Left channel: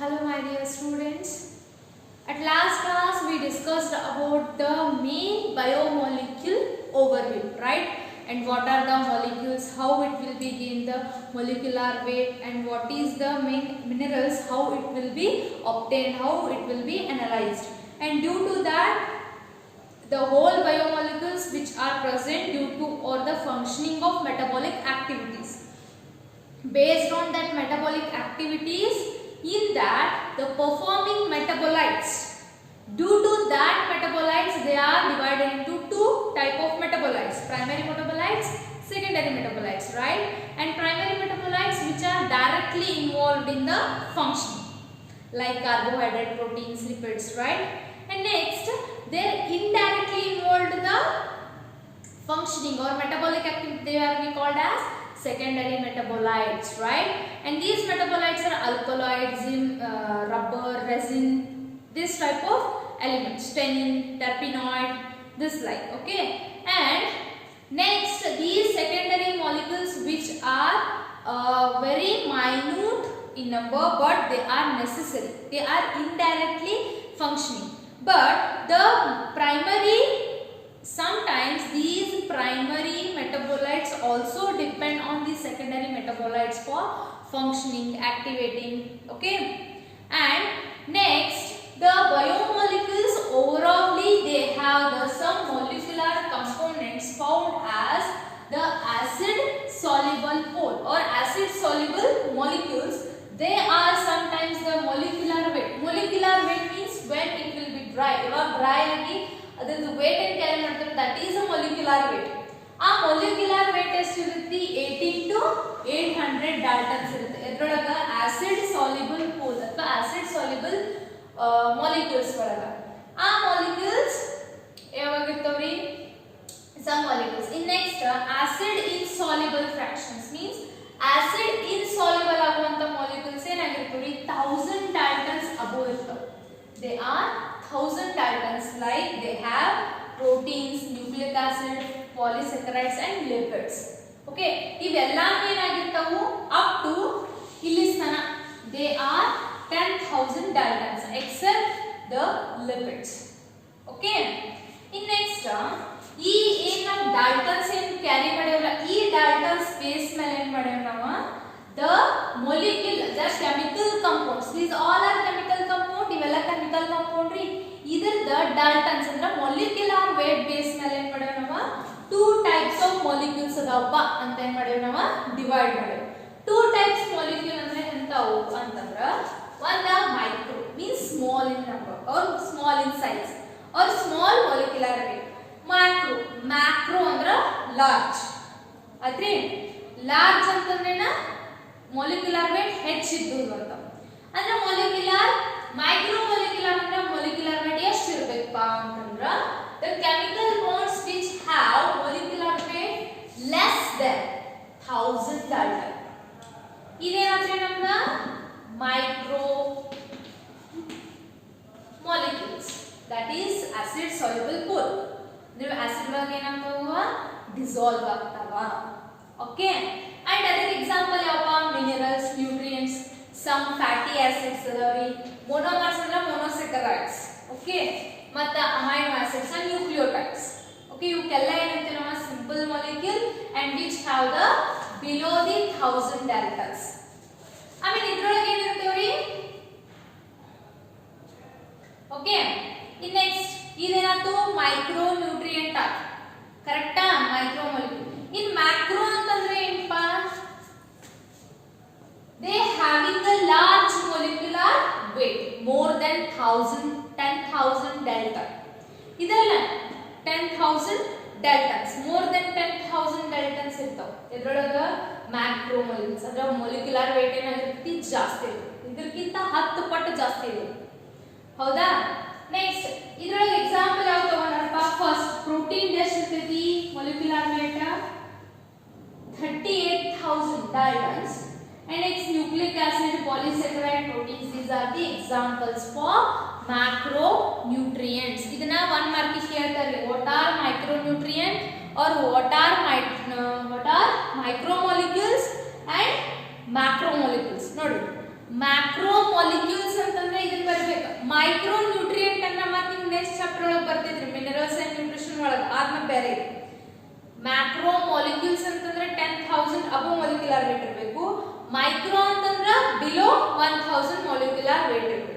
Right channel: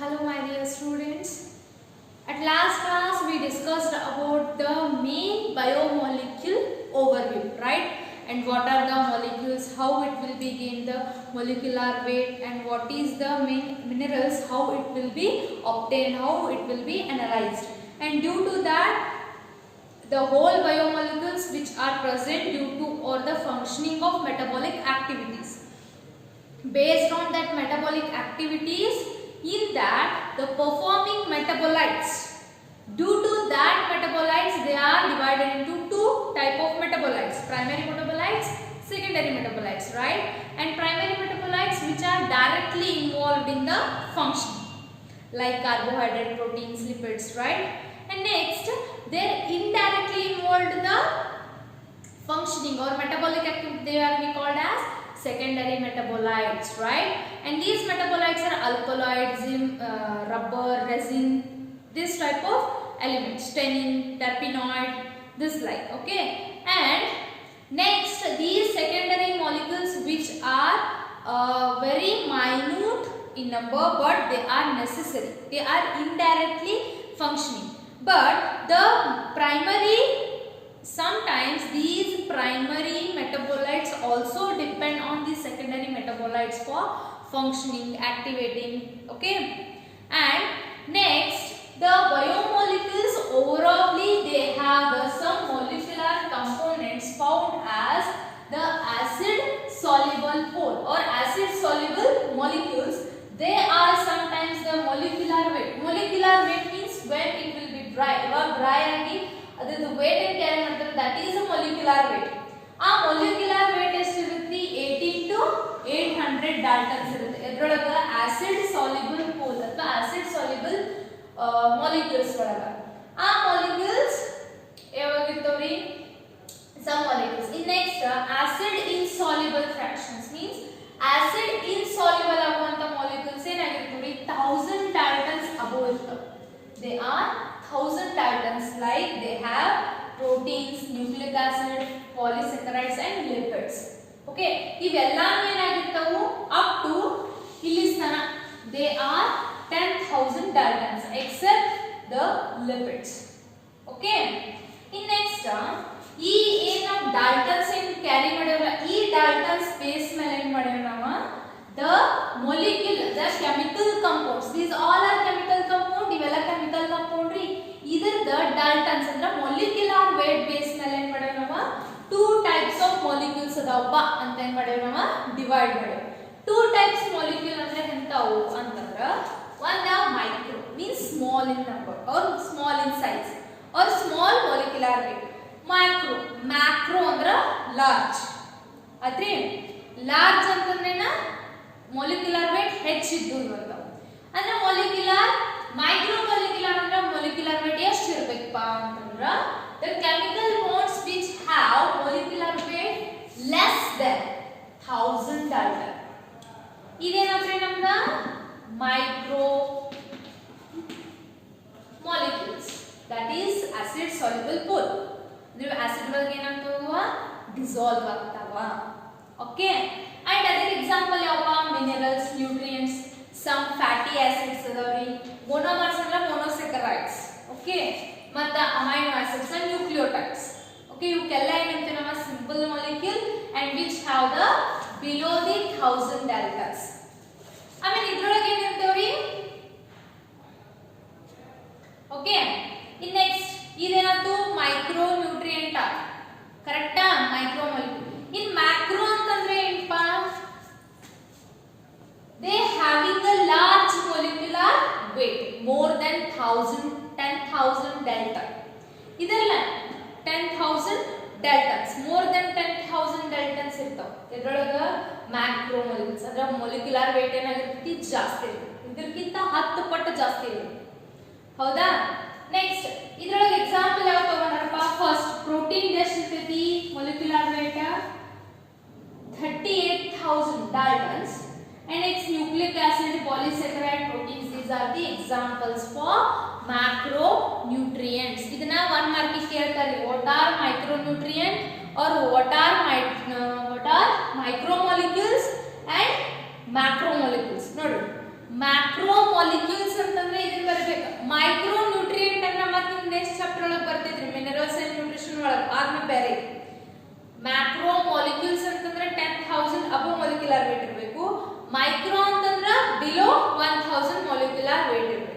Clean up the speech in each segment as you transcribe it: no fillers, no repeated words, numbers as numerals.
Hello my dear students. At last class we discussed about the main biomolecule overview, right? And what are the molecules, how it will be gain the molecular weight, and what is the main minerals, how it will be obtained, how it will be analyzed. And due to that, the whole biomolecules which are present due to or the functioning of metabolic activities. Based on that metabolic activities, in that the performing metabolites, due to that metabolites they are divided into two type of metabolites: primary metabolites, secondary metabolites, right? And primary metabolites which are directly involved in the functioning, like carbohydrate, proteins, lipids, right? And next they are indirectly involved in the functioning or metabolic activity, they are be called as secondary metabolites, right? And these metabolites are alkaloids, rubber, resin, this type of elements, tannin, terpenoid, this like, okay? And next, these secondary molecules which are very minute in number, but they are necessary, they are indirectly functioning. But the primary, sometimes these primary metabolites also depend on the secondary metabolites for functioning, activating, okay? And next, the biomolecules overall they have some molecular components found as the acid soluble pole or acid soluble molecules. They are sometimes the molecular weight. Molecular weight means when it will be dry or dry and the weight and carry ಮಾಡ್ತಾರೆ, that is a molecular weight. ಆ molecular weight ಎಷ್ಟಿರುತ್ತೆ? 18 to 800 daltons ಇರುತ್ತೆ. ಇದರೊಳಗ acid soluble pole ಅಥವಾ acid soluble molecules ಒಳಗ ಆ molecules ಯಾವಾಗಿರ್ತಾವ್ರಿ? Some molecules. In next, acid insoluble fractions means acid insoluble ಆಗುವಂತ molecules ಏನಾಗಿರ್ತವೆ? 1000 daltons above ಇರ್ತವೆ. They are 1000 daltons, like they have proteins, nucleic acid, polysaccharides and lipids. Okay, ಇವೆಲ್ಲಾನು ಏನಾಗಿರ್ತವು? Up to ಇಲ್ಲಿಸ್ತನ they are 10,000 daltons except the lipids. Okay, in next ಈ ಏನ daltons ಏನು carry ಮಾಡ್ಯಾವಲ್ಲ, ಈ daltons space ಮೇಲೆ ಏನು ಮಾಡ್ಯಾವ ನಾವು? The molecule, the chemical compounds, these all are chemical compound, ಇವೆಲ್ಲ chemical compound ರೀ. ಇದರದ daltons ಅಂದ್ರೆ molecular weight base ಮೇಲೆ ಏನು ಮಾಡ್ಯಾವ ನಾವು? Two types of molecules ಅದಾವಪ್ಪ ಅಂತ ಏನು ಮಾಡ್ಯಾವ ನಾವು? ಡಿವೈಡ್ ಮಾಡ್ಯಾವ. Two types molecule ಅಂದ್ರೆ ಎಂತವು ಅಂತಂದ್ರ, one micro means small in number or small in size or small molecular weight. macro ಅಂದ್ರೆ large. ಆದ್ರೆ large ಅಂತಂದ್ರೇನ molecular weight ಹೆಚ್ಚಿದ್ದು ಅಂತ. ಅಂದ್ರೆ micro molecular ಅಂದ್ರೆ molecular weight ಎಷ್ಟು ಇರಬೇಕಪ್ಪ ಅಂತಂದ್ರ, the chemical bonds which have molecular weight less than 1000 dalton. ಇದೇನಾದ್ರೆ ನಮ್ಗ micro molecules, that is acid soluble pole. ಅಂದ್ರೆ ಆಸಿಡ್ ಒಳಗೆ ಏನಾಗ್ತಾವ? ಡಿಸಾಲ್ವ್ ಆಗ್ತಾವ. Okay, and other example ಯಾವಪ್ಪ? minerals, nutrients, some fatty acids ಅದಾವ್ರಿ. monomers ಅಂದ್ರೆ monosaccharides, okay, ಮತ್ತೆ amino acids and nucleotides. okay, ಇವಕ್ಕೆಲ್ಲ ಏನಂತೀವಿ ನಾವು? simple molecule and which have the below the 1000 daltons. ಆಮೇಲೆ ಇದ್ರೊಳಗೆ ಏನಂತೀವ್ರಿ? okay, in next ಇದೇನಾಯ್ತು? Micro nutrient. ಕರೆಕ್ಟಾ? Micro molecule. in macro ಅಂತಂದ್ರೆ ಏನಪ್ಪ? they having a large molecular weight more than 10,000 dalton. ಇದೆಲ್ಲ 10,000 daltons, more than 10,000 daltons ಇರ್ತಾವ. ಇದರೊಳಗ macro molecules ಅಂದ್ರೆ ಮೊಲಿಕ್ಯುಲರ್ ವೇಟ್ ಏನಾಗಿರ್ತೈತಿ? ಜಾಸ್ತಿ ಇರುತ್ತೆ, ಇದಕ್ಕಿಂತ 10 ಪಟ್ಟು ಜಾಸ್ತಿ ಇರುತ್ತೆ. ಹೌದಾ? ನೆಕ್ಸ್ಟ್ ಇದರೊಳಗೆ ಎಕ್ಸಾಂಪಲ್ ಯಾವ ತಗೊಂಡಾರಪ್ಪ? ಫಸ್ಟ್ ಪ್ರೋಟೀನ್ ಎಷ್ಟಿರ್ತೈತಿ? Molecular weight 38,000 daltons. And next nucleic acid, polysaccharide, proteins, these are the examples for macronutrients. ಇದನ್ನ 1 ಮಾರ್ಕ್ ಕೇಳ್ತಾರೆ. what are micronutrient or what are macromolecules and macromolecules. ನೋಡಿ, macromolecules ಬರಬೇಕು. ಮೈಕ್ರೋ ನ್ಯೂಟ್ರಿಯೆಂಟ್ ಅನ್ನ ಮತ್ತೆ ನಿಮ್ ನೆಕ್ಸ್ಟ್ ಚಾಪ್ಟರ್ ಒಳಗೆ ಬರ್ತಿದ್ರಿ minerals and nutrition ಒಳಗೆ, ಅದನ್ನ ಬೇರೆ. ಮ್ಯಾಕ್ರೋ ಮಾಲಿಕ್ಯೂಲ್ಸ್ ಅಂತಂದ್ರೆ 10,000 ಅಬೋ ಮಾಲಿಕ್ಯುಲರ್ ವೇಟ್ ಇರಬೇಕು. ಮೈಕ್ರೋ ಅಂತಂದ್ರೆ ಬಿಲೋ 1000 ಮಾಲಿಕ್ಯುಲರ್ ವೇಟ್ ಇರಬೇಕು.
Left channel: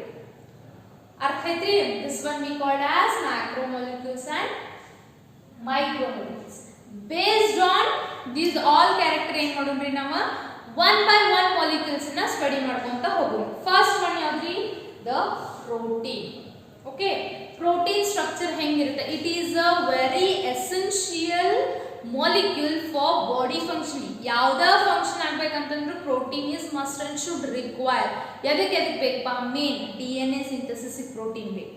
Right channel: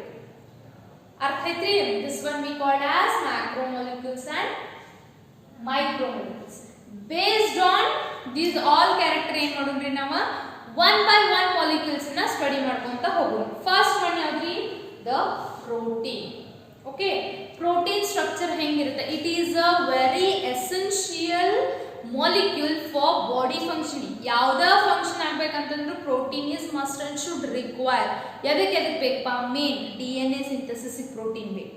ಅರ್ಥ ಐತ್ರಿ? This one we called as macro molecules and micro molecules. Based on these all character ಏನ್ ಮಾಡೋಣ್ರಿ ನಾವು ಒನ್ ಬೈ ಒನ್ ಮಾಲಿಕ್ಯೂಲ್ಸ್ ನ ಸ್ಟಡಿ ಮಾಡ್ಕೊಂತ ಹೋಗೋಣ. ಫಸ್ಟ್ ಒನ್ ಯಾವ್ದ್ರಿ? The protein. Okay, protein structure ಹೆಂಗಿರುತ್ತೆ? It is a very essential molecule for body functioning. ಯಾವ್ದ function ಆಗ್ಬೇಕಂತಂದ್ರೂ protein is must and should require. ಎದಕ್ಕೆ ಬೇಕಪ್ಪ? ಮೇನ್ DNA ಸಿಂಥಸಿಸ್ ಪ್ರೋಟೀನ್ ಬೇಕು.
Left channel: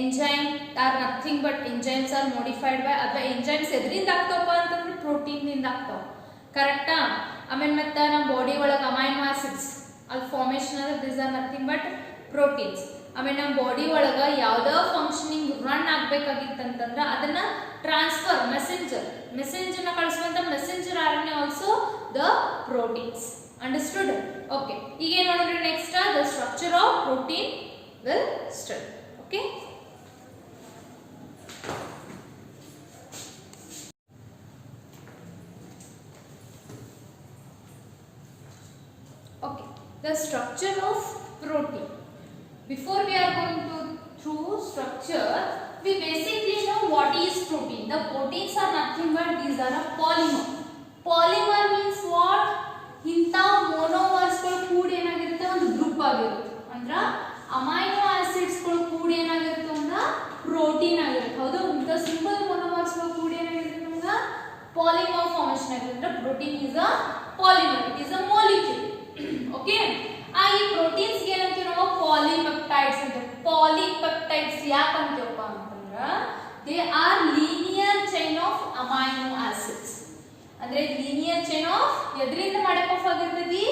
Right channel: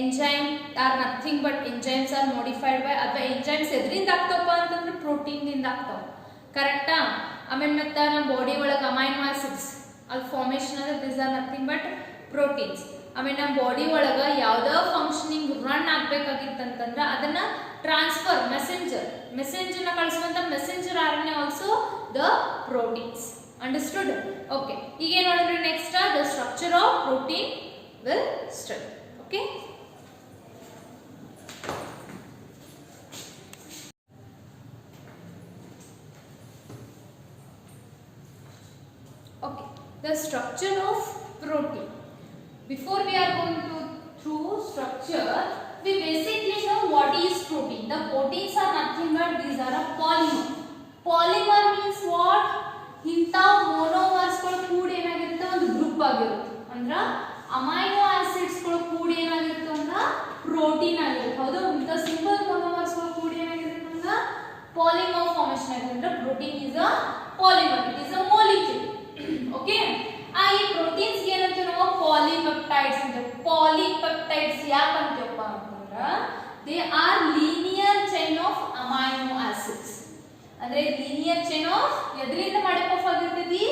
Enzyme are nothing but enzymes are modified by, ಅಥವಾ enzymes ಎದ್ರಿಂದ ಆಗ್ತಾವಪ್ಪ ಅಂತಂದ್ರೆ ಪ್ರೋಟೀನ್ದಿಂದ ಆಗ್ತಾವ. ಕರೆಕ್ಟಾ? ಆಮೇಲೆ ಮತ್ತೆ ನಮ್ಮ ಬಾಡಿ ಒಳಗೆ ಅಮೈನೋ ಆಸಿಡ್ಸ್ ಅದು ಫಾರ್ಮೇಶನ್ ಅಂದ್ರೆ this are nothing but proteins. ಆಮೇಲೆ ನಮ್ಮ ಬಾಡಿ ಒಳಗೆ ಯಾವ್ದೋ ಫಂಕ್ಷನಿಂಗ್ ರನ್ ಆಗ್ಬೇಕಾಗಿತ್ತಂತಂದ್ರೆ ಅದನ್ನ ಟ್ರಾನ್ಸ್ಫರ್ ಮೆಸೆಂಜರ್ನ ಕಳಿಸುವಂತ messenger RNA also the proteins. Understood? Okay, ಈಗ ಏನು ನೋಡಿದ್ರಿ next the structure of protein will study. Okay, okay, the structure of protein. Before we are going to through structure, we basically know what is protein. The proteins are nothing but these are a polymer. Polymer means what? ಇಂತ monomers ಗಳು ಕೂಡ ಏನಾಗಿರುತ್ತೆ? ಒಂದು group ಆಗಿರುತ್ತೆ. ಅಂದ್ರ amino acids ಗಳು ಕೂಡ ಏನಾಗಿರುತ್ತೆ? ಅಂದ್ರೆ ಪ್ರೋಟೀನ್ ಆಗಿರುತ್ತೆ. ಹೌದಾ? ಇಂತ ಸಿಂಗಲ್ monomers ಗಳು ಕೂಡ ಏನಾಗಿರುತ್ತೆ? ಅಂದ್ರೆ polymer formation ಆಗಿರುತ್ತೆ. Protein is a polymer. It is a molecule. Okay, ಈ ಪ್ರೋಟೀನ್ಸ್ ಏನಂತೀವಿ ನಾವು? ಪಾಲಿಪೆಪ್ಟೈಡ್ಸ್ ಅಂತ. ಪಾಲಿಪೆಪ್ಟೈಡ್ಸ್ ಯಾಕಂತೀವಪ್ಪ ಅಂತಂದ್ರೆ they are linear chain of amino acids. ಅಂದ್ರೆ ಲೀನಿಯರ್ ಚೈನ್ ಆಫ್ ಎದ್ರಿಂದ ಮೇಡಪ್ ಆಫ್ ಆಗಿರ್ತೈತಿ?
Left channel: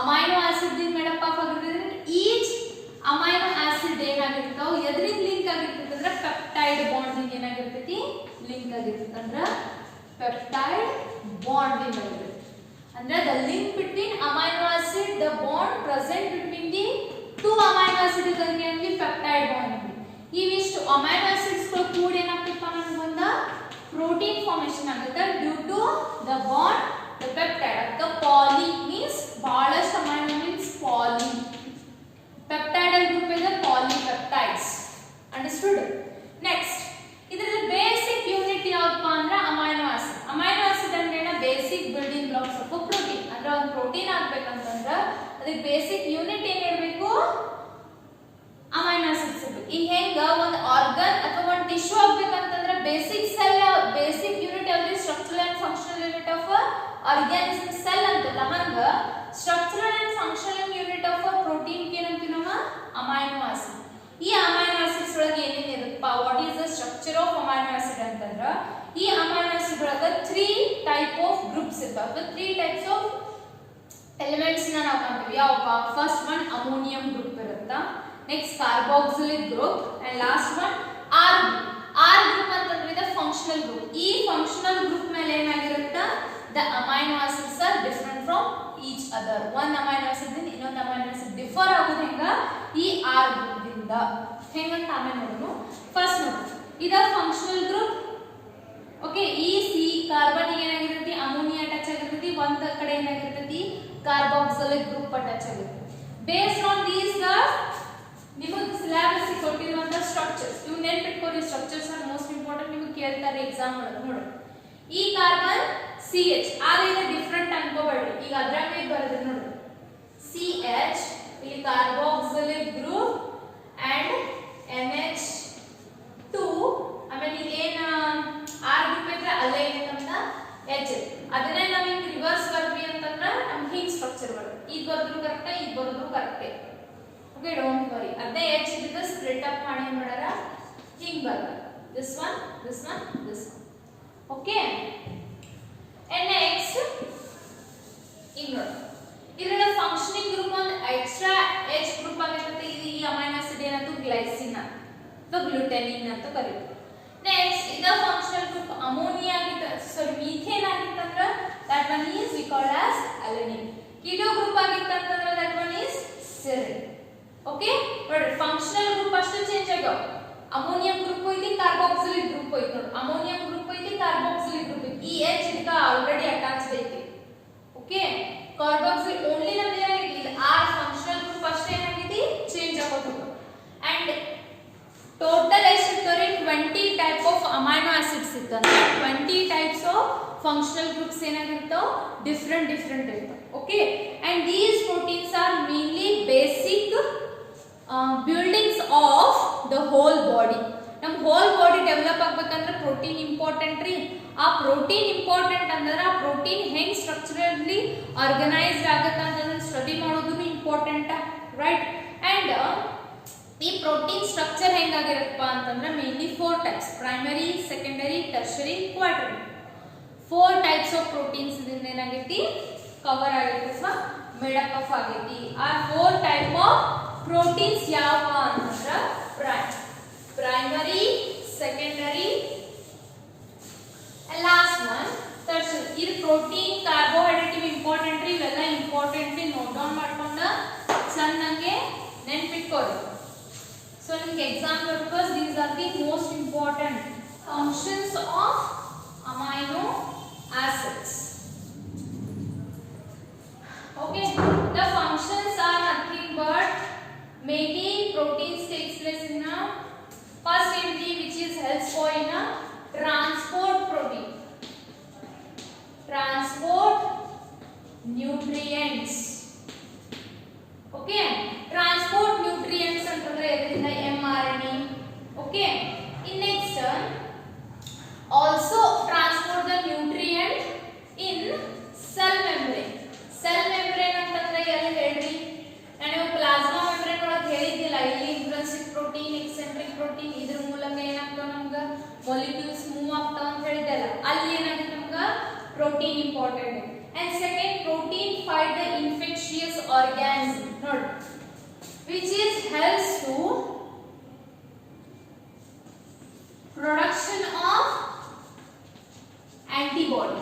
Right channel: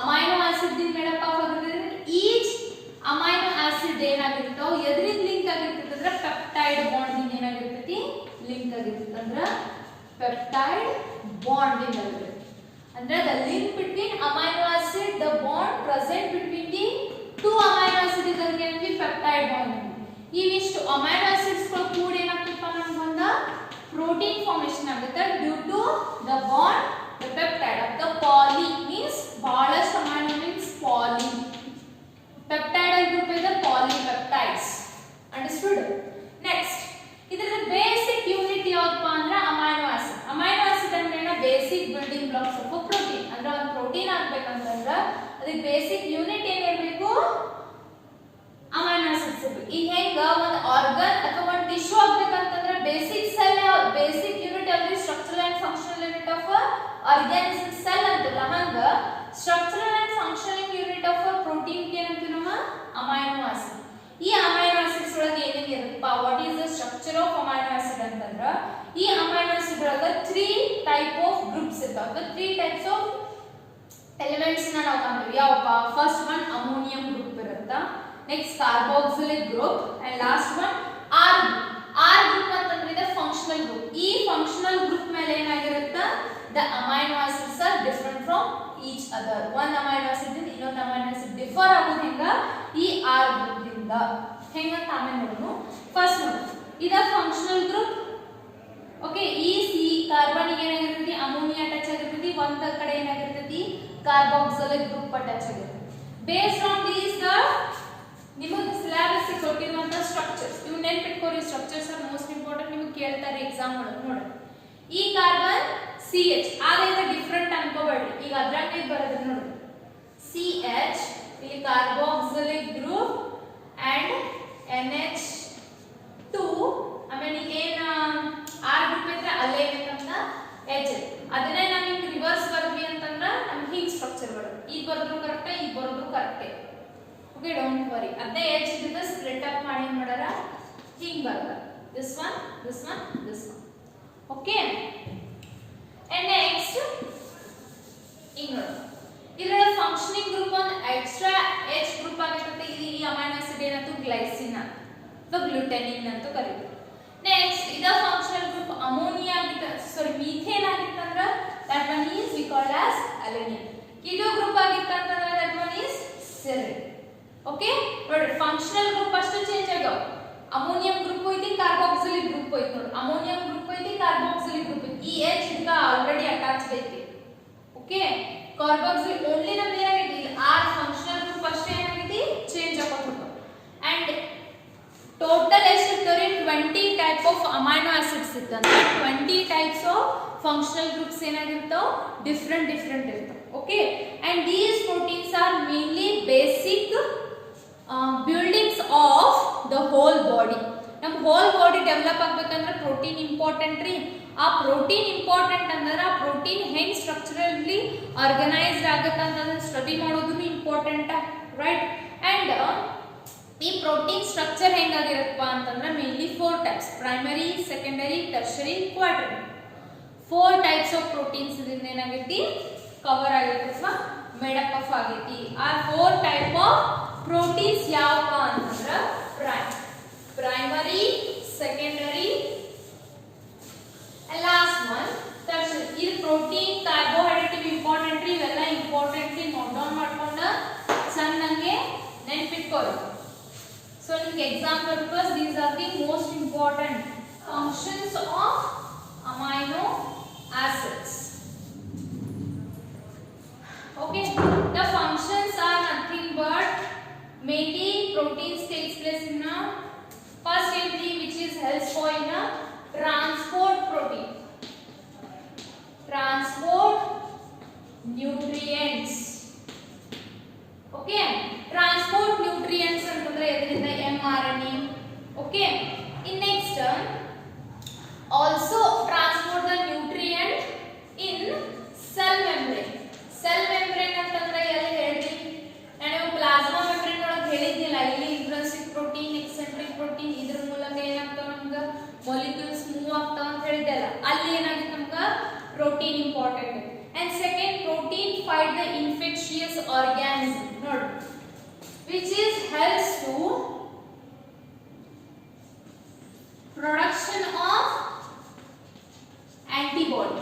ಅಮೈನೋ ಆಸಿಡ್ ದಿಂದ ಮೇಡಪ್ ಆಫ್ ಆಗಿರ್ತೈತಿ. ಈಚ್ ಅಮೈನೋ ಆಸಿಡ್ ಏನಾಗಿರ್ತಾವ ಎದ್ರಿಂದ ಲಿಂಕ್ ಆಗಿರ್ತೈತಿ ಅಂದ್ರೆ ಪೆಪ್ಟೈಡ್ ಬಾಂಡ್ ದಿಂದ ಏನಾಗಿರ್ತೈತಿ? ಲಿಂಕ್ ಆಗಿರ್ತೈತಿ. ಅಂದ್ರೆ ಪೆಪ್ಟೈಡ್ ಬಾಂಡ್ ದಿಂದ ಆಗಿರ್ತೈತಿ. Under the link between amino acid, the bond present between the two amino acid is again the peptide bond. These amino acids ko ಕೂಡ ಏನಾಗ್ತಪ್ಪ ನಮಗೊಂದ protein formation ಆಗುತ್ತೆ due to the bond the peptide. The poly means ಬಹಳಷ್ಟು amino means poly. Peptide group is the polypeptides. Understood? Next, ಇದರ basic unit ಯಾವಪ್ಪ ಅಂದ್ರೆ amino acid. Amino acid ಅಂದ್ರೆ basic building blocks of protein. ಅಂದ್ರೆ ಒಂದು protein ಆಗ್ಬೇಕಂತಂದ್ರೆ ಅದಕ್ಕೆ basic unit ಏನಿರಬೇಕು? ಅಮೈನೋ ಆಸಿಡ್ಸ್ ಇರಬೇಕು. ಈಗ ಹೆಂಗ ಒಂದು ಆರ್ಗನ್ ಅಥವಾ ಒಂದು ಟಿಶ್ಯೂ ಆಗ್ಬೇಕಂತಂದ್ರೆ ಬೇಸಿಕ್ ಸೆಲ್ ಬೇಸಿಕ್ ಯೂನಿಟ್ ಯಾವ್ದು? Structural and functional unit of organism cell ಅಂತಲ್ಲ, ಹಂಗ structural and functional unit of protein ಏನಂತೀವಿ ನಮ್ಮ? Amino acid. ಈ ಅಮೈನೋ ಆಸಿಡ್ಸ್ ಒಳಗೆ ಏನೇನು ಇರುತ್ತಪ್ಪ? What is the structure of amino acid ಅಂತಂದ್ರೆ ಈ ಅಮೈನೋ ಆಸಿಡ್ ಒಳಗೆ 3 ಟೈಪ್ ಆಫ್ ಗ್ರೂಪ್ಸ್ ಇರ್ತಾವೆ. 3 ಟೈಪ್ಸ್ ಆಫ್ ಎಲಿಮೆಂಟ್ಸ್ ನಾವು ಕಾಣ್ತೀವಿ. ಯಾವಪ್ಪ? ಫಸ್ಟ್ ಒನ್ ಅಮೋನಿಯಂ ಗ್ರೂಪ್ ಇರುತ್ತೆ, next carboxylic group and last one R group. R group ಅಂತಂದ್ರೆ ಇದು ಫಂಕ್ಷನಲ್ ಗ್ರೂಪ್. ಈ ಫಂಕ್ಷನಲ್ ಗ್ರೂಪ್ ಮೇಲೆ ಏನಾಗಿರುತ್ತೆ? The amino acids are different from each other. ಒಂದು ಅಮೈನೋ ಆಸಿಡ್ ಇಂದ ಇನ್ನೊಂದು ಅಮೈನೋ ಆಸಿಡ್ ಡಿಫರ್ ಆಗೋದು ಹೆಂಗ? ಈ ಆರ್ ಗ್ರೂಪ್ ದಿಂದ. ಹೆಂಗಂತ ಆಮೇಲೆ ನೋಡೋಣ. ಫಸ್ಟ್ ನೋಡಿ, ಇದ ಫಂಕ್ಷನಲ್ ಗ್ರೂಪ್. ಓಕೆ, ಈ ಸಿ ಕಾರ್ಬನ್ ಏನಾಗಿರ್ತೈತಿ? ಅಮೋನಿಯಾ ಟಚ್ ಆಗಿರ್ತೈತಿ. ಒಂದ ಕಡೆ ಏನಾಗಿರ್ತೈತಿ? ಕಾರ್ಬಾಕ್ಸಿಲಿಕ್ ಗ್ರೂಪ್ ಟಚ್ ಆಗಿರ್ತೈತಿ. ಬೇಸ್ಡ್ ಆನ್ ದೀಸ್ ದ ನಿಮಗೆ ಸಿಲೆಬಸ್ ಕೊಟ್ಟಿರುವಂತ ಸ್ಟ್ರಕ್ಚರ್ಸ್ ಇವು ನೆನಪಿಟ್ಕೊಳ್ಳಿ. Structures are most important. ನಿಮಗೆ ಕೇಳ್ತಾರೆ ಎಕ್ಸಾಮ್ ಒಳಗೆ. ನೋಡಿ, ಈ ಕಾರ್ಬನ್ CH ಆದ್ರೆ ಡಿಫರೆಂಟ್ ಅನ್ಕೋಬೇಡಿ. ಈಗ ಅದ್ರಾಗೆ ಬರೋದು ನೋಡಿ, CH ಇಲ್ಲಿ ಕಾರ್ಬಾಕ್ಸಿಲಿಕ್ ಗ್ರೂಪ್ ಅಂಡ್ NH2. ಆಮೇಲೆ ಏನ ಆರ್ ಗ್ರೂಪ್ ಇದ್ರೆ ಅಲ್ಲೇ ಏನಂತ H. ಅದನ್ನೇ ನಾವು ಹಿಂಗೆ ರಿವರ್ಸ್ ಬರ್ದ್ವಿ ಅಂತಂದ್ರೆ ನಮ್ಗೆ ಹಿಂಗ್ ಸ್ಟ್ರಕ್ಚರ್ ಬರುತ್ತೆ. ಈಗ ಬರೆದ್ರು ಕರೆಕ್ಟ್, ಈಗ ಬರೆದ್ರು ಕರೆಕ್ಟೇ. Okay, don't worry. ಅದೇ H ಇದ್ದ ಸ್ಪ್ಲಿಟ್ ಅಪ್ ಮಾಡಿ ಮಾಡಾರ ಹಿಂಗ್ ಬರ್ತದೆ. This one, this one, this one. Okay, and next ಈಗ ನೋಡಿ, ಇದರ ಫಂಕ್ಷನಿಂಗ್ ಗ್ರೂಪ್ ಒಂದು ಎಕ್ಸ್ಟ್ರಾ H ಗ್ರೂಪ್ ಆಗಿರುತ್ತೆ. ಇದು ಈ ಅಮೈನೋ ಆಸಿಡ್ ಏನಂತ? ಗ್ಲೈಸಿನ್ ಅಂತ ಅಥವಾ ಗ್ಲೂಟೆನಿನ್ ಅಂತ ಕರೀತೀವಿ. ನೆಕ್ಸ್ಟ್ ಇದ ಫಂಕ್ಷನಲ್ ಗ್ರೂಪ್ ಅಮೋನಿಯಾ ಆಗಿತ್ತು, ಸಾರಿ ಮೀಥೇನ್ ಆಗಿತ್ತಂದ್ರೆ that one is we called as alanine. ಇದು ಗ್ರೂಪ್ ಆಗಿತ್ತಂದ್ರೆ that one is serine. Okay ನೋಡ್ರಿ ಫಂಕ್ಷನಲ್ ಗ್ರೂಪ್ ಅಷ್ಟು ಚೇಂಜ್ ಆಗ್ಯಾವ ಅಮೋನಿಯಂ ಗ್ರೂಪ್ ಐತಿ ಕಾರ್ಬಾಕ್ಸಿಲಿಕ್ ಗ್ರೂಪ್ ಐತಿ ನೋಡಿ ಅಮೋನಿಯಂ ಗ್ರೂಪ್ ಐತಿ ಕಾರ್ಬಾಕ್ಸಿಲಿಕ್ ಗ್ರೂಪ್ ಐತಿ ಈ H ಇದಕ್ಕ ಆಲ್ರೆಡಿ ಅಟ್ಯಾಚ್ಡ್ ಐತಿ ಓಕೆ ಕಾರ್ಬಾಕ್ಸಿಲ್ ಓನ್ಲಿ ನಮ್ದು ಏನಾಗೈತಿ ಇಲ್ಲಿ R ಫಂಕ್ಷನಲ್ ಗ್ರೂಪ್ ಅಷ್ಟೇ ಏನಾಗೈತಿ ಚೇಂಜ್ ಆಗೋದು ಅಂಡ್ ಟೋಟಲ್ ಎಷ್ಟು ಇರ್ತವ್ರಿ 20 ಟೈಪ್ ಆಫ್ ಅಮೈನೋ ಆಸಿಡ್ಸ್ ಇತ್ತಂದ್ರೆ 20 ಟೈಪ್ಸ್ ಆಫ್ ಫಂಕ್ಷನಲ್ ಗ್ರೂಪ್ಸ್ ಏನಾಗಿರ್ತಾವ ಡಿಫರೆಂಟ್ ಇರ್ತಾವ okay and these proteins are mainly basic buildings of the whole body ನಮ್ಮ ಹೋಲ್ ಬಾಡಿ ಡೆವಲಪ್ ಆಗ್ಬೇಕಂದ್ರೆ ಪ್ರೋಟೀನ್ ಇಂಪಾರ್ಟೆಂಟ್ ರೀ ಆ ಪ್ರೋಟೀನ್ ಇಂಪಾರ್ಟೆಂಟ್ ಅಂದ್ರೆ ಆ ಪ್ರೋಟೀನ್ ಹೆಂಗ್ ಸ್ಟ್ರಕ್ಚರಲಿ ಆರ್ಗನೈಸ್ಡ್ ಆಗುತ್ತೆ ಅಂತಂದ್ರೆ ಸ್ಟಡಿ ಮಾಡೋದು ಇಂಪಾರ್ಟೆಂಟ್ ರೈಟ್ ಅಂಡ್ ಈ ಪ್ರೋಟೀನ್ ಸ್ಟ್ರಕ್ಚರ್ ಹೆಂಗಾಗಿರತ್ತಪ್ಪ ಅಂತಂದ್ರೆ mainly 4 types primary secondary tertiary quaternary 4 types of proteins ಇದರಿಂದ ಏನಾಗೈತಿ ಕವರ್ ಆಗೈತಿ ಅಥವಾ ಮೇಡಪ್ ಆಫ್ ಆಗೈತಿ ಆ 4 ಟೈಪ್ ಆಫ್ ಪ್ರೋಟೀನ್ಸ್ ಯಾವಪ್ಪ ಅಂತಂದ್ರೆ primary secondary and last one tertiary ಇದು ಪ್ರೋಟೀನ್ ಕಾರ್ಬೋಹೈಡ್ರೇಟ್ ಇಂಪಾರ್ಟೆಂಟ್ ಇವೆಲ್ಲ ಇಂಪಾರ್ಟೆಂಟ್ ನೋಟ್ ಡೌನ್ ಮಾಡ್ಕೊಂಡ ಸಣ್ಣಂಗೆ ನೆನಪಿಟ್ಕೊಳ್ಳಿ so ನಿಮಗೆ exam purpose these are the most important functions of amino acids okay the functions are nothing but mainly proteins takes place in a first entry which is helps for in a transport protein transport nutrients okay transport nutrients antandre edrinda mRNA okay in next also transport the nutrient in cell membrane antandre yalla ಹೇಳ್ರಿ ನಾನು plasma membrane ಒಳಗೆ ಹೇಳಿದ್ದಿಲ್ಲ ಇಲ್ಲಿ intrinsic protein eccentric protein ಇದ್ರ ಮೂಲಕ ಏನಾಗ್ತಾವ ನಮ್ಗೆ molecules move ಆಗ್ತಾವ ಅಂತ ಹೇಳಿದ್ದಲ್ಲ ಅಲ್ಲಿ ಏನಾಗುತ್ತೆ ನಮ್ಗೆ protein important and second protein fight the infectious organism ನೋಡಿ which is helps to production of antibody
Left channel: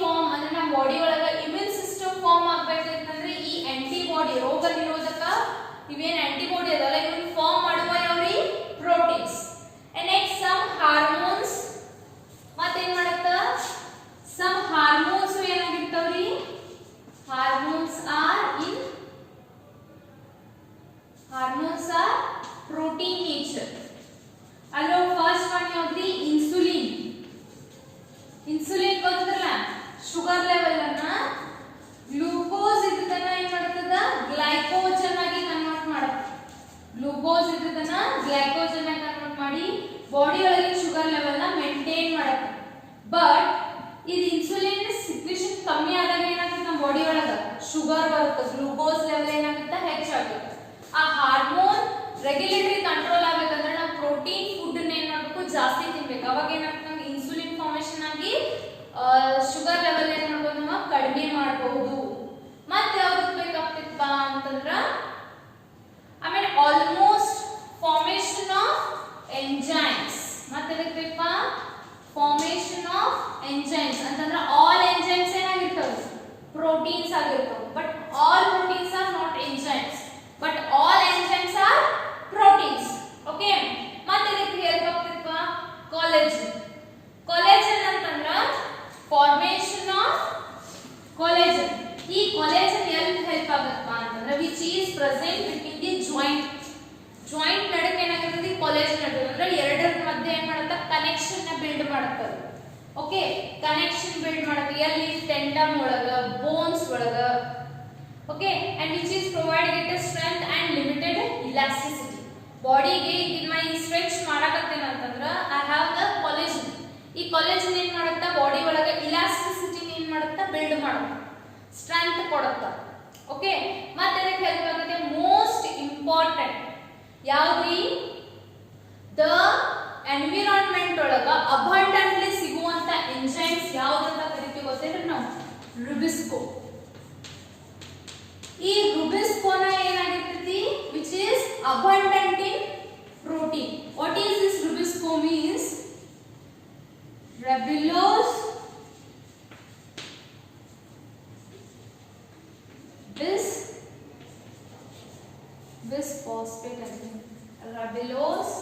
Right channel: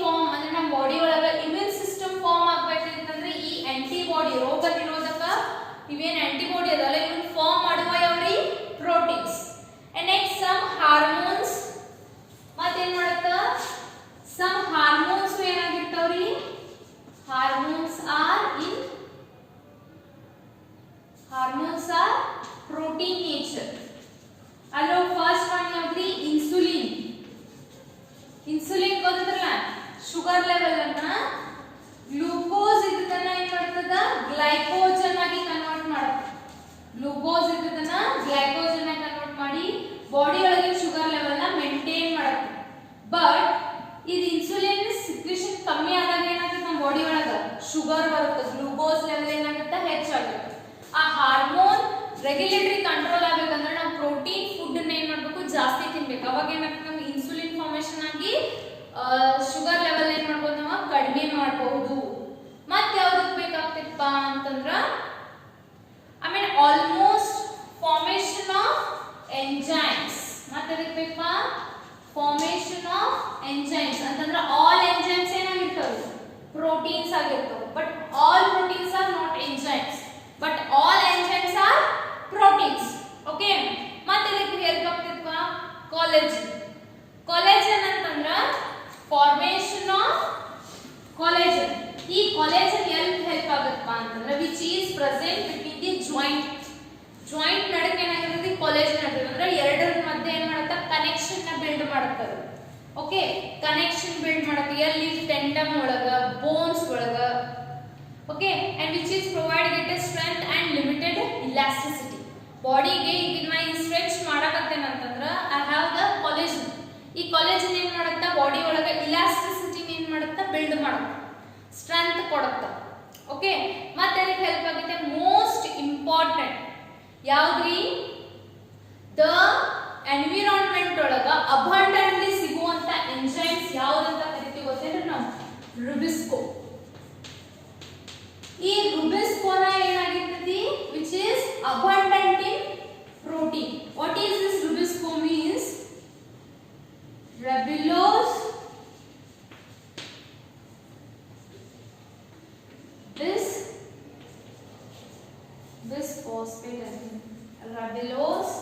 form ಅಂದ್ರೆ ನಮ್ಮ ಬಾಡಿ ಒಳಗೆ ಇಮ್ಯೂನ್ ಸಿಸ್ಟಮ್ ಫಾರ್ಮ್ ಆಗಬೇಕಂತಂದ್ರೆ ಈ ಆಂಟಿಬಾಡಿ ರೋಗ ನಿರೋಧಕ ಇವೇನ್ ಆಂಟಿಬಾಡಿ ಅದಲ್ಲ ಇವನ್ನ ಫಾರ್ಮ್ ಮಾಡುವ ಯಾವ್ರಿ proteins and next some hormones ಮತ್ತೇನ್ ಮಾಡುತ್ತ some hormones ಏನಾಗಿರ್ತಾವ್ರಿ hormones are protein nature ಅಲ್ಲೋ ಫಸ್ಟ್ ಒನ್ ಯಾವ್ದ್ರಿ ಇನ್ಸುಲಿನ್ ಗೊತ್ತಲ್ಲ ಶುಗರ್ ಲೆವೆಲ್ ಅನ್ನ ಗ್ಲೂಕೋಸ್ ಇದನ್ನ ಏನ್ ಮಾಡ್ತದ ಗ್ಲೈಕೋಜನ್ ಆಗಿ ಕನ್ವರ್ಟ್ ಮಾಡುತ್ತೆ ಗ್ಲೂಕೋಸ್ ಇದನ್ನ ಗ್ಲೈಕೋಜನ್ ಆಗಿ ಕನ್ವರ್ಟ್ ಮಾಡಿ ಬಾಡಿ ಒಳಗಿನ ಶುಗರ್ ಲೆವೆಲ್ ನ ಮೇಂಟೈನ್ ಮಾಡುತ್ತೆ ಬಟ್ ಇದು ಇನ್ಸುಲಿನ್ ಸಿಕ್ರಿಷನ್ ಕಮ್ಮಿ ಆದಾಗ ಏನಾಗುತ್ತೆ ನಮ್ಮ ಬಾಡಿ ಒಳಗ ಶುಗರ್ ಬರುತ್ತೆ ಗ್ಲೂಕೋಸ್ ಲೆವೆಲ್ ಏನಾಗುತ್ತೆ ಹೆಚ್ಚಾಗುತ್ತೆ ಆ ಹಾರ್ಮೋನ್ ರೆಗ್ಯುಲೇಟರಿ ಕಂಟ್ರೋಲ್ ಆಗಬೇಕಂದ್ರೆ ನಾವು ಪ್ರೋಟೀನ್ ಫುಡ್ ಏನ್ ಮಾಡಬೇಕು ಜಾಸ್ತಿ ತಿನ್ಬೇಕು ಅವಾಗ ಏನಾಗುತ್ತೆ ನಮ್ಗೆ ಇನ್ಸುಲಿನ್ ಫಾರ್ಮೇಷನ್ ಆಗಿ ಶುಗರ್ ಲೆವೆಲ್ ಏನ್ ಮಾಡ್ಬೋದು ನಾವು ಕಡಿಮೆ ಮಾಡಬಹುದು ಮತ್ತೆ ಯಾವ್ದಕ್ಕೆ ಬೇಕಾಗ್ತಿಪ್ಪ ಅಂತಂದ್ರ ಆಮೇಲೆ ಆಲ್ಮೋಸ್ಟ್ ಫಾರ್ಮೇಷನ್ ಆಫ್ ಎಂಜೈಮ್ಸ್ ಮತ್ತೆ ಅದಕ್ಕೆ ಬೇಕಪ್ಪ ಫಾರ್ಮೇಷನ್ ಆಫ್ ಎಂಜೈಮ್ಸ್ ಅಂತಂದ್ರೆ ಆಲ್ ಎಂಜೈಮ್ಸ್ ಏನಾಗಿರ್ತವೆ ಪ್ರೋಟೀನ್ಸ್ ಆಗಿರ್ತವೆ but all proteins are not enzymes but all enzymes are proteins okay ಮತ್ತೆ ಇದಕ್ಕೆ ಹೆಲ್ಪ್ ಆಗ್ತಿರುವ collagen ಅಂತಂದ್ರೆ formation of collagen ಈ collagen ಎಲ್ಲಿ ಹೆಲ್ಪ್ ಆಗುತ್ತಪ್ಪ ಅಂತಂದ್ರೆ which is present between the joint ನಡುವೆ ಏನಾಗಿರ್ತದೆ collagen ಇರ್ತದೆ ಅಂದ್ರೆ ಎರಡರ ಮಧ್ಯೆ ಏನು ಮಾಡುತ್ತೆ ಕನೆಕ್ಷನ್ ನ ಬಿಲ್ಡ್ ಮಾಡುತ್ತೆ ಓಕೆ ಕನೆಕ್ಷನ್ ಬಿಲ್ಡ್ ಮಾಡುತ್ತೆ ಎಲ್ಲಿ ಟೆಂಡಮ್ ಒಳಗ ಬೋನ್ಸ್ ಒಳಗ okay and which is providing it a strength and limited elasticity body ಗೆ ಈಗ ನಾನು ಸ್ಟ್ರೆಚ್ ಮಾಡಕತ್ತೇನೆ ಅಂತಂದ್ರೆ I have the collagen ಈ collagen ಏನು ಮಾಡುತ್ತೆ ಬಾಡಿ ಒಳಗೆ elasticity ಏನು ಮಾಡುತ್ತೆ ಬಿಲ್ಡ್ ಮಾಡುತ್ತೆ ಸ್ಟ್ರೆಂತ್ ಕೊಡುತ್ತೆ ಓಕೆ ಮತ್ತೆ ಇದಕ್ಕೆ ಹೆಲ್ಪ್ ಆಗುತ್ತೆ ಮೋಸ್ಟ್ ಇಂಪಾರ್ಟೆಂಟ್ ಯಾವ್ದ್ರಿ ದ ಎನ್ವಿರಾನ್ಮೆಂಟ್ ಒಳಗ ಅಬಂಡೆಂಟ್ಲಿ ಸಿಗುವಂತ ಎಂಜೈಮ್ಸ್ ಯಾವ್ದಂತ ಕರಿತೀವಿ ಗೊತ್ತೇನ್ರಿ ನಾವು ರುಬಿಸ್ಕೋ ಈ ರುಬಿಸ್ಕೋನ ಏನಾಗಿರ್ತೈತಿ which is abundant in protein what is this rubisco means ribulose bis Bisphosphate again. Ribulose.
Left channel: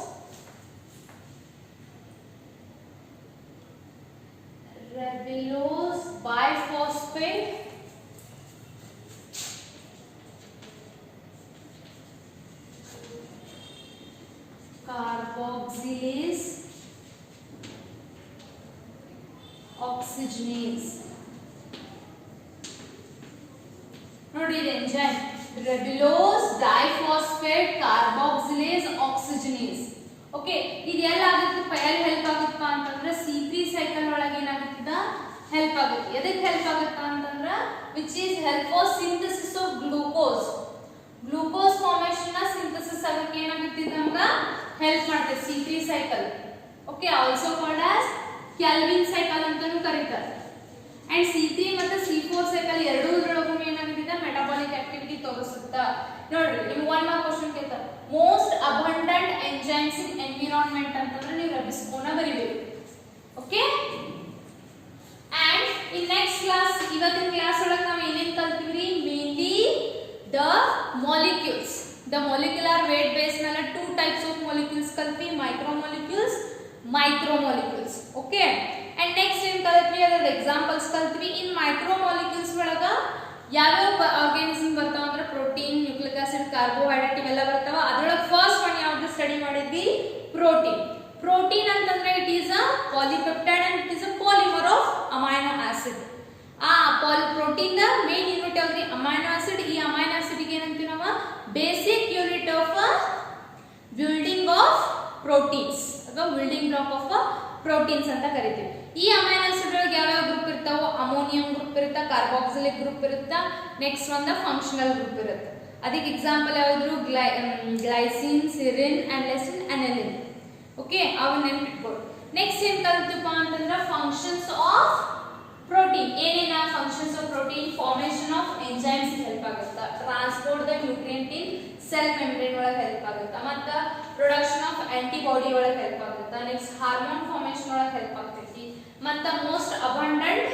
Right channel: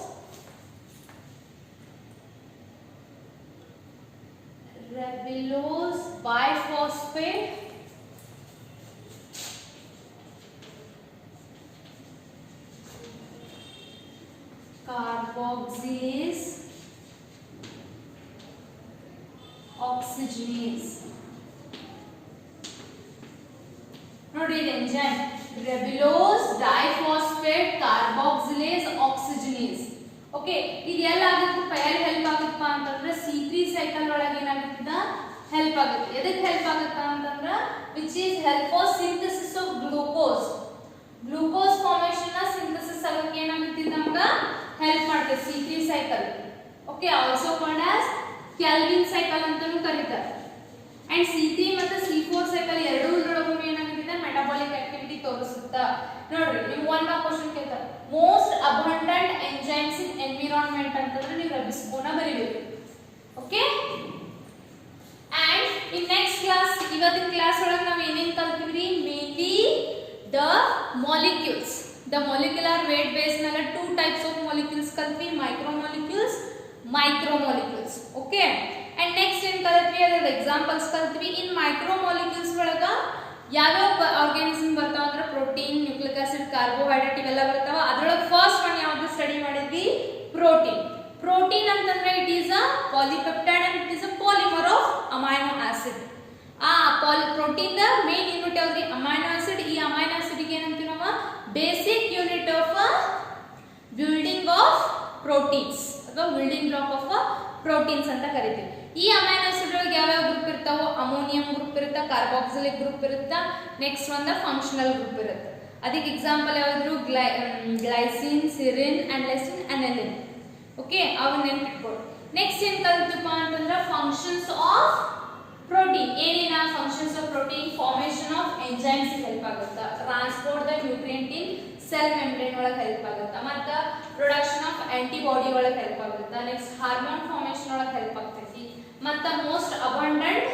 Ribulose biphosphate. Carboxylase. Oxygenase. ನೋಡಿ ಎಂಜೈಮ್ ರೆಬಿಲೋಸ್ ಡೈಫಾಸ್ಫೇಟ್ ಕಾರ್ಬಾಕ್ಸಿಲೇಸ್ ಆಕ್ಸಿಜನೇಸ್. ಓಕೆ, ಇದು ಎಲ್ಲ ಆಗುತ್ತಪ್ಪ, ಎಲ್ಲಿ ಹೆಲ್ಪ್ ಆಗುತ್ತಪ್ಪ ಅಂತಂದ್ರೆ C3 ಸೈಕಲ್ ಒಳಗೆ ಏನಾಗುತ್ತದ ಹೆಲ್ಪ್ ಆಗುತ್ತೆ. ಎದಕ್ಕೆ ಹೆಲ್ಪ್ ಆಗುತ್ತಾ ಅಂತಂದ್ರೆ which is help for synthesis of glucose. Glucose formation ನ ಸಿಂಥಸಿಸ್ ಆಗಕ್ಕೆ ಏನಾಗುತ್ತೆ ನಮ್ಗೆ ಹೆಲ್ಪ್ ಮಾಡುತ್ತೆ C3 cycle. Okay, also called as Calvin cycle ಅಂತಾನೂ ಕರೀತಾರೆ. ಅಂಡ್ C3 ಮತ್ತು C4 ಸೈಕಲ್ ಎರಡೂ ಇದ್ರೊಳಗೂ ಏನಾಗುತ್ತೆ ಮೆಟಾಬಾಲಿಕ್ ಆಕ್ಟಿವಿಟಿ ತೋರಿಸುತ್ತಾ. ನೋಡ್ರಿ, ನೀವು ಒನ್ ಮಾರ್ಕ್ ಕ್ವೆಶ್ಚನ್ ಕೇಳ್ತಾರೆ, most abundant enzymes in environment ಅಂತಂದ್ರೆ ನೀವು ರಬಿಸ್ಕೋನ ಬರೀಬೇಕು. Okay, and in next class, ಇವತ್ತಿನ ಕ್ಲಾಸ್ ಒಳಗೆ ನಾವು ಏನೇನು ಕಲ್ತೀವಿ, mainly the molecules. The molecular weight base ಮೇಲೆ 2 ಟೈಪ್ಸ್ ಆಫ್ ಮಾಲಿಕ್ಯೂಲ್ಸ್ ಕಲ್ತೀವಿ, micromolecules, micromolecules. Okay, and next ಏನ್ ಕಲ್ತ್ವಿ ಅದರ ಎಕ್ಸಾಂಪಲ್ಸ್ ಕಲ್ತ್ವಿ. ಇನ್ ಮೈಕ್ರೋಮಾಲಿಕ್ಯೂಲ್ಸ್ ಒಳಗ ಯಾವ್ಯಾವ ಆರ್ಗ್ಯಾನಿಸಮ್ ಬರ್ತಾವ ಅಂದ್ರೆ ಪ್ರೋಟೀನ್, ನ್ಯೂಕ್ಲಿಕ್ ಆಸಿಡ್, ಕಾರ್ಬೋಹೈಡ್ರೇಟ್ ಇವೆಲ್ಲ ಬರ್ತಾವ. ಅದ್ರೊಳಗೆ ಫಸ್ಟ್ ಒನ್ ಯಾವ್ದು ಸ್ಟಡಿ ಮಾಡಿದ್ವಿ, ಪ್ರೋಟೀನ್. ಪ್ರೋಟೀನ್ ಅಂತಂದ್ರೆ it is a polypeptide and it is a polymer of amino acid. ಆ ಪ್ರೋಟೀನ್ ದ ಮೇನ್ ಯೂನಿಟ್ ಯಾವ್ದ್ರಿ, ಅಮೈನೋ ಆಸಿಡ್. ಈ ಅಮೈನೋ ಆಸಿಡ್ ಗೆ ಏನಂತೀವಿ ನಾವು, basic unit of building of proteins ಅಥವಾ ಬಿಲ್ಡಿಂಗ್ ಬ್ಲಾಕ್ ಆಫ್ ಪ್ರೋಟೀನ್ಸ್ ಅಂತ ಕರಿತೀವಿ. ಈ ಅಮೈನೋ ಆಸಿಡ್ ಒಳಗೆ ಯಾವ್ಯಾವ ಗ್ರೂಪ್ ಇರ್ತಾವೋ, ಅಮೋನಿಯಂ ಗ್ರೂಪ್ ಇರುತ್ತೆ, ಕಾರ್ಬಾಕ್ಸಿಲಿಕ್ ಗ್ರೂಪ್ ಇರುತ್ತೆ, ನೆಕ್ಸ್ಟ್ ಒಂದು ಫಂಕ್ಷನಲ್ ಗ್ರೂಪ್ ಇರುತ್ತೆ. ಅದಕ್ಕೆ ಎಕ್ಸಾಂಪಲ್ ಯಾವ್ದು, glycine, serine and leucine, alanine. Okay, ಅವನ್ನ ನೆನ್ಪಿಟ್ಕೊಳ್ಳಿ. ನೆಕ್ಸ್ಟ್ ಏನ್ ಕಲ್ತಿಪ್ಪ ಅಂತಂದ್ರೆ ಫಂಕ್ಷನ್ಸ್ ಆಫ್ ಪ್ರೋಟೀನ್. ಏನೇನ functions of protein, formation of enzymes help ಆಗುತ್ತಾ, transport the nutrient in cell membrane ಒಳಗೆ ಹೆಲ್ಪ್ ಆಗುತ್ತಾ, ಮತ್ತು ಪ್ರೊಡಕ್ಷನ್ ಆಫ್ ಆಂಟಿಬಾಡಿ ಒಳಗೆ ಹೆಲ್ಪ್ ಆಗುತ್ತಾ, ನೆಕ್ಸ್ಟ್ ಹಾರ್ಮೋನ್ ಫಾರ್ಮೇಷನ್ ಒಳಗೆ ಹೆಲ್ಪ್ ಆಗ್ತೈತಿ, ಮತ್ತು ಮೋಸ್ಟ್ ಅಬಂಡೆಂಟ್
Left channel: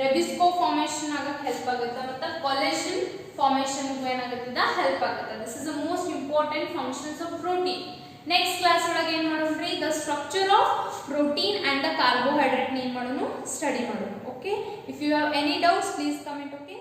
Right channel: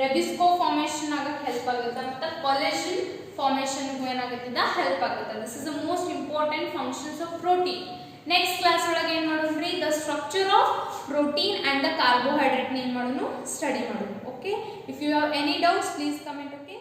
ರೆಬಿಸ್ಕೋ ಫಾರ್ಮೇಷನ್ ಆಗಕ್ಕೆ ಹೆಲ್ಪ್ ಆಗುತ್ತೆ, ಮತ್ತು ಕೊಲೆಜಿನ್ ಫಾರ್ಮೇಷನ್ ಏನಾಗುತ್ತದ ಹೆಲ್ಪ್ ಆಗುತ್ತೆ. This is the most important functions of protein. Next class ಒಳಗೆ ಏನು ಮಾಡೋಣ್ರಿ, the structure of protein and the carbohydrate ಏನು ಮಾಡೋಣ, ಸ್ಟಡಿ ಮಾಡೋಣ. Okay, if you have any doubts please comment. Okay.